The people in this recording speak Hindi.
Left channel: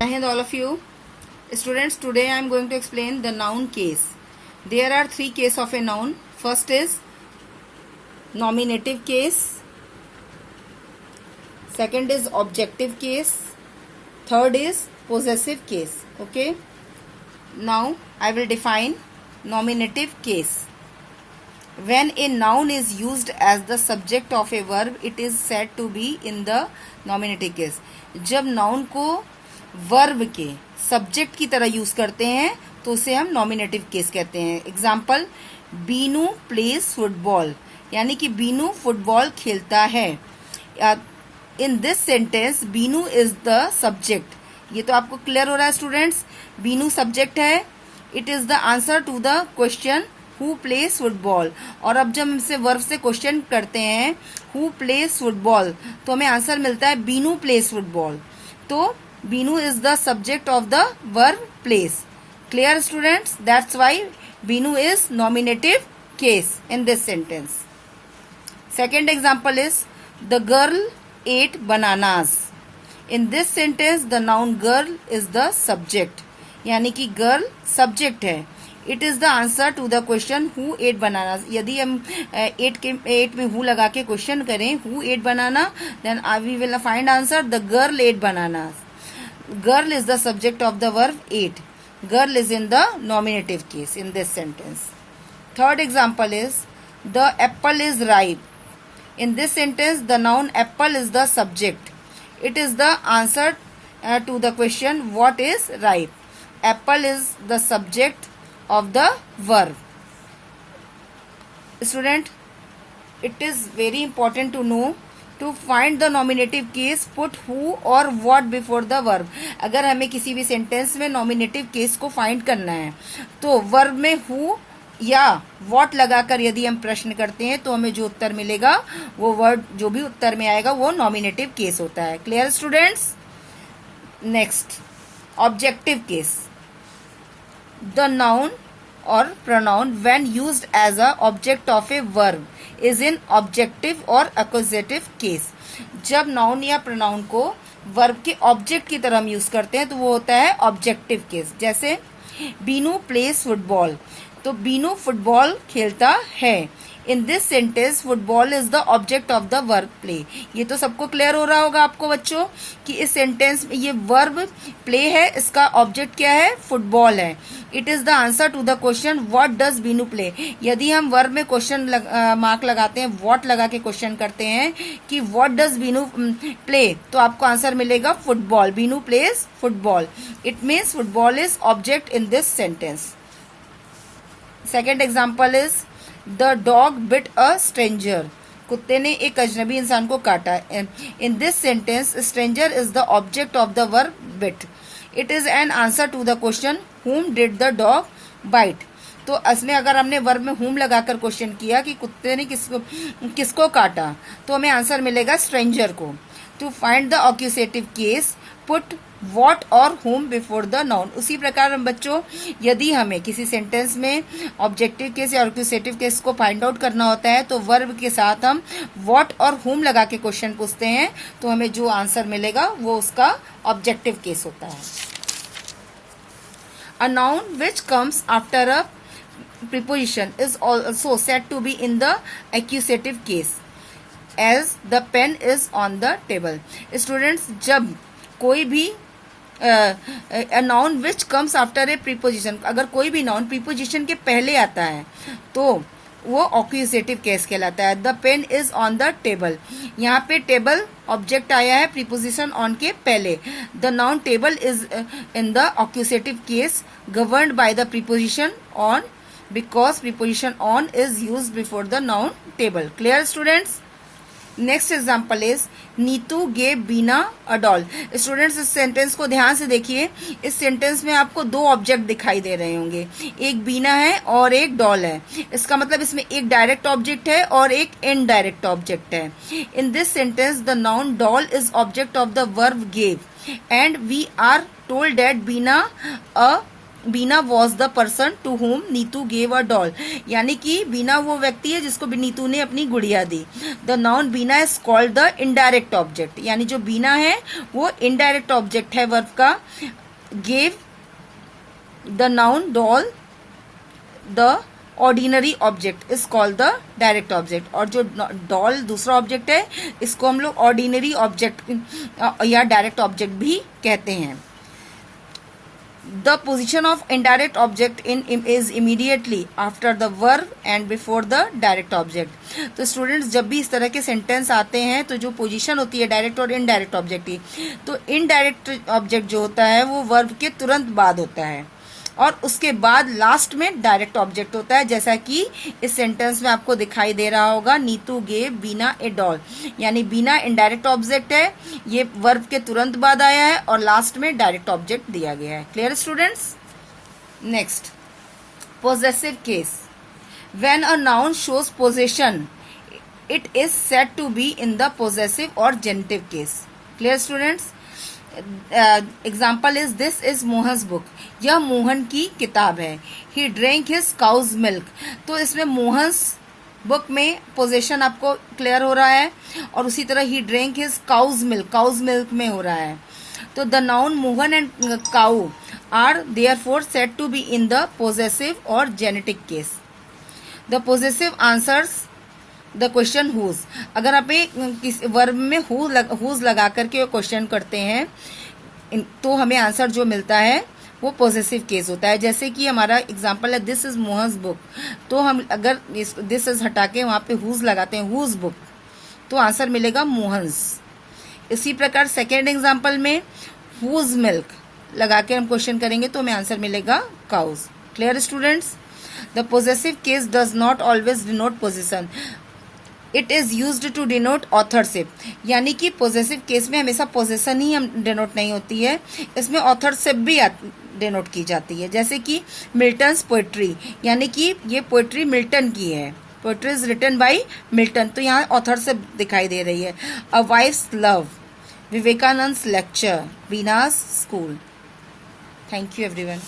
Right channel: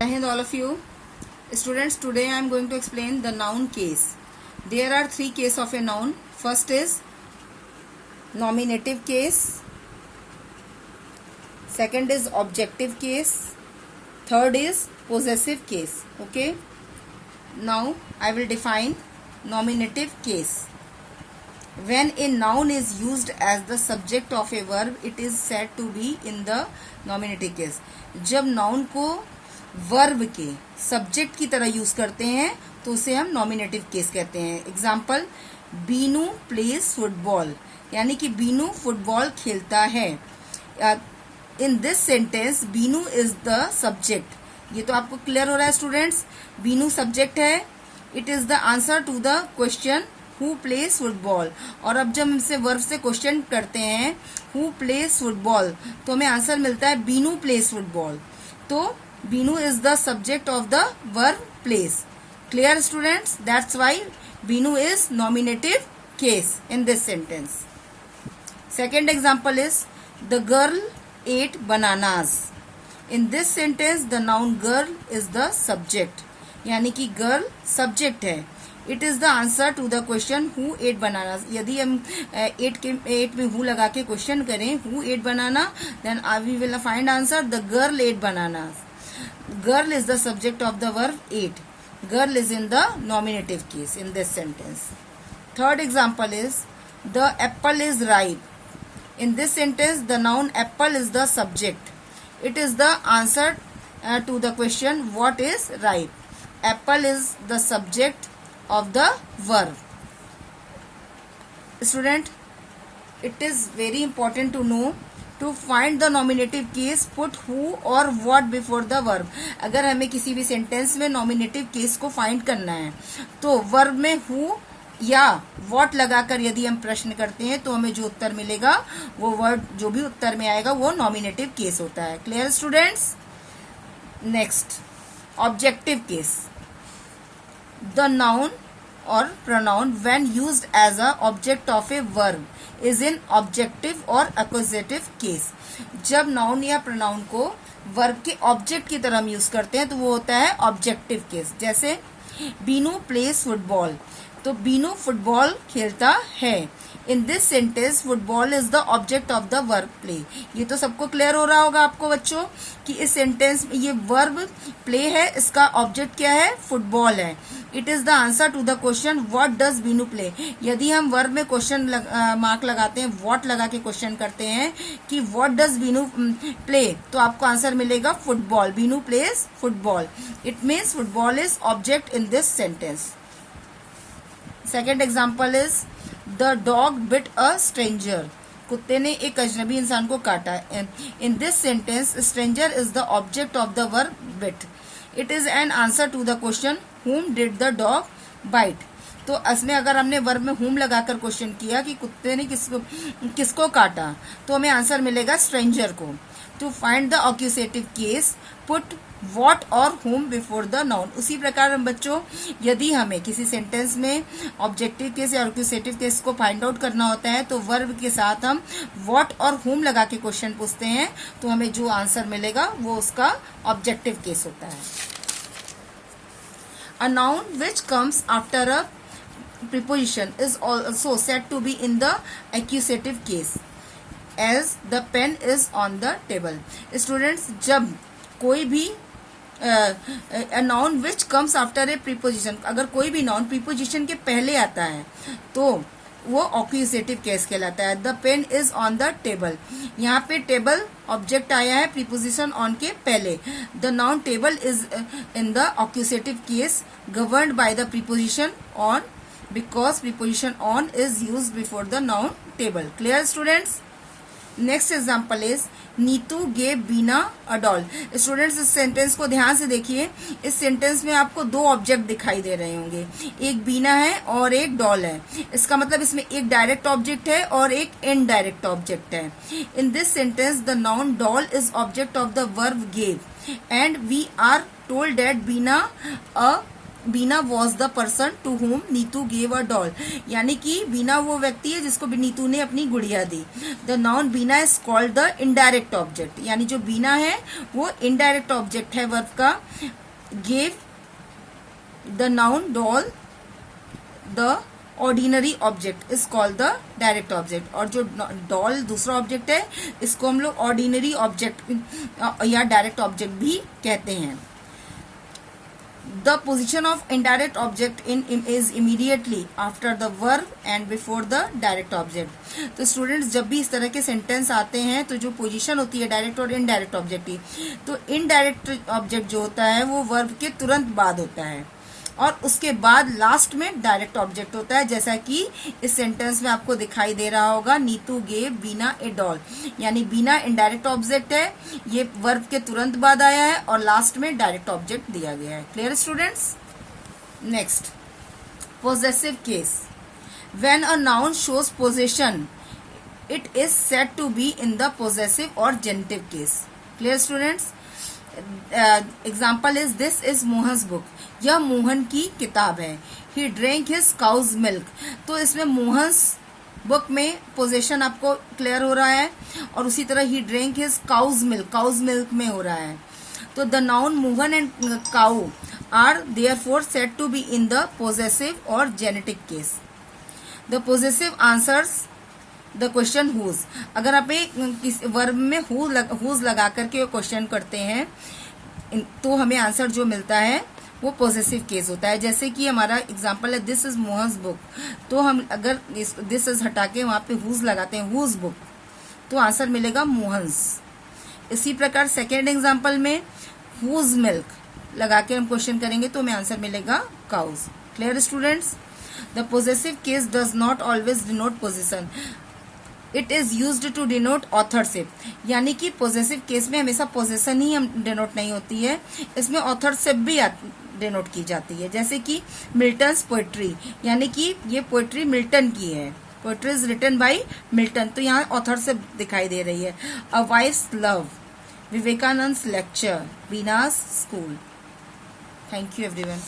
Hi all of you. Students, today I am going to explain the noun case. There are three cases of a noun. First is nominative case. Second is objective case. Third is possessive case. Okay. Now I will define nominative case. When a noun is used as the subject of a verb, it is said to be in the nominative case. जब noun को वर्ब के सब्जेक्ट की तरह यूज करते हैं तो उसे हम नॉमिनेटिव केस कहते हैं. एग्जाम्पल, बीनू प्लेज फुटबॉल, यानी कि बीनू फुटबॉल खेलता है. In this sentence Binu is the subject. ये तो आपको क्लियर हो रहा है स्टूडेंट्स. बीनू सब्जेक्ट है. It is the answer to the question who plays football. और अब जब हमसे वर्ब से क्वेश्चन करते हैं हु प्लेज फुटबॉल तो हमें आंसर मिलता है बीनू प्लेज फुटबॉल. तो Binu is the subject of the verb plays. Clear students? That's why Binu is nominative case in this sentence. Second example is the girl ate bananas. In this sentence the noun girl is the subject. यानी कि girl subject है. It is the answer to the question who ate bananas. यदि हम ate में who लगा के क्वेश्चन करें who ate banana, then we will find answer the girl ate bananas. Girl is the subject of the verb ate. Girl is in the nominative case in this sentence. Third example is the apple is ripe. In this sentence the noun apple is the subject. It is the answer to the question what is ripe. Apple is the subject of the verb. Student, it is very important to know to find the nominative case put who or what before the verb. अगर हमें किसी भी सेंटेंस में नॉमिनेटिव केस को फाइंड करना है तो वर्ब में who या what लगाकर यदि हम प्रश्न करते हैं तो हमें जो उत्तर मिलेगा वो वर्ड जो भी उत्तर में आएगा वो नॉमिनेटिव केस होता है. Clear students? Next, objective case. The noun or pronoun when used as a object of a verb is in objective or accusative case. जब noun या pronoun को verb के object की तरह हम यूज करते हैं तो वो होता है objective case. जैसे बीनू plays football, तो बीनू फुटबॉल खेलता है. In this sentence football is the object of the verb play. ये तो सबको क्लियर हो रहा होगा आपको बच्चों कि इस सेंटेंस में ये वर्ब प्ले है, इसका ऑब्जेक्ट क्या है? फुटबॉल है. It is the answer to the question what does Binu play. यदि हम वर्ब में क्वेश्चन मार्क लगाते हैं, व्हाट लगा के क्वेश्चन करते हैं कि व्हाट डज बीनू प्ले, तो आपको आंसर मिलेगा football. Binu plays football. It means football is object in this sentence. Second example is the dog bit a stranger. कुत्ते ने एक अजनबी इंसान को काटा. In this sentence stranger is the object of the verb bit. It is an answer to the question whom did the dog bite. तो इसमें अगर हमने वर्ब में whom लगाकर क्वेश्चन किया कि कुत्ते ने किसको काटा तो हमें आंसर मिलेगा स्ट्रेंजर को. To find the accusative case put what और whom बिफोर द नाउन. उसी प्रकार हम बच्चों यदि हमें किसी सेंटेंस में ऑब्जेक्टिव केस या ऑक्यूसेटिव केस को फाइंड आउट करना होता है तो वर्ब के साथ हम what और whom लगा के क्वेश्चन पूछते हैं तो हमें जो आंसर मिलेगा वो उसका ऑब्जेक्टिव केस होता है. A noun which comes after a preposition is also said to be in the accusative case as the pen is on the table. Students, जब कोई भी a noun which comes after a preposition, अगर कोई भी noun preposition के पहले आता है तो वो ऑक्यूसेटिव केस कहलाता है. The pen is on the table. यहाँ पे टेबल ऑब्जेक्ट आया है प्रीपोजिशन ऑन के पहले. The noun table is in the accusative case governed by the preposition on because preposition on is used before the noun table. Clear students? Next example is Neetu gave Beena a doll. Students इस सेंटेंस को ध्यान से देखिए. इस सेंटेंस में आपको दो ऑब्जेक्ट दिखाई दे रहे होंगे, एक बीना है और एक डॉल है. इसका मतलब इसमें एक डायरेक्ट ऑब्जेक्ट है और एक इनडायरेक्ट ऑब्जेक्ट है. In this sentence the noun doll is object of the verb gave and we are told that Bina a Bina was the person to whom Neetu gave a doll, यानी कि बीना वो व्यक्ति है जिसको नीतू ने अपनी गुड़िया दी। The noun Beena is called the indirect object, यानी जो बीना है वो इनडायरेक्ट ऑब्जेक्ट है वर्ब का। Gave the noun doll, the ordinary object is called the direct object, और जो डॉल दूसरा ऑब्जेक्ट है इसको हम लोग ऑर्डिनरी ऑब्जेक्ट या डायरेक्ट ऑब्जेक्ट भी कहते हैं। The position of indirect object in is immediately after the verb and before the direct object. तो स्टूडेंट्स जब भी इस तरह के सेंटेंस आते हैं तो जो पोजीशन होती है डायरेक्ट और इनडायरेक्ट ऑब्जेक्ट की, तो इनडायरेक्ट ऑब्जेक्ट जो होता है वो वर्ब के तुरंत बाद होता है और उसके बाद लास्ट में डायरेक्ट ऑब्जेक्ट होता है, जैसा कि इस सेंटेंस में आपको दिखाई दे रहा होगा, Neetu gave Bina a doll, यानी बीना इनडायरेक्ट ऑब्जेक्ट है, ये वर्ब के तुरंत बाद आया है और लास्ट में डायरेक्ट ऑब्जेक्ट दिया गया है। Clear students? Next, possessive case. When a noun shows possession it is said to be in the possessive और genitive case. Clear students? Example is this is Mohan's book, यह मोहन की किताब है। He drink his cow's milk, तो इसमें मोहन्स बुक में पोजेशन आपको क्लियर हो रहा है और उसी तरह he drink his cow's milk में हो रहा है। तो the noun Mohan and cow are therefore said to be in the possessive और genetic case. The possessive answers the question whose, अगर आप किस वर्ब में हुज लगा करके क्वेश्चन करते हैं तो हमें आंसर जो मिलता है वो पॉजिटिव केस होता है। जैसे कि हमारा एग्जांपल है दिस इज मोहन्स बुक, तो हम अगर दिस इज हटा के वहां पे हुज लगाते हैं हुज बुक, तो आंसर मिलेगा मोहन्स। इसी प्रकार सेकेंड एग्जांपल में हुज मिल्क लगा के हम क्वेश्चन करेंगे तो हमें आंसर मिलेगा cows. Clear students? The positive case does not always denote position, it is used to denote authorship, यानी कि पॉजिटिव केस में हमेशा पोजीशन ही हम डिनोट नहीं होती है, इसमें ऑथरशिप भी डिनोट की जाती है। जैसे कि मिल्टन्स पोएट्री, यानी कि ये पोएट्री मिल्टन की है, poetry is written by Milton, तो यहाँ ऑथरशिप दिखाई दे रही है। A wife's love, Vivekananda lecture, Beena's school. Thank you everyone.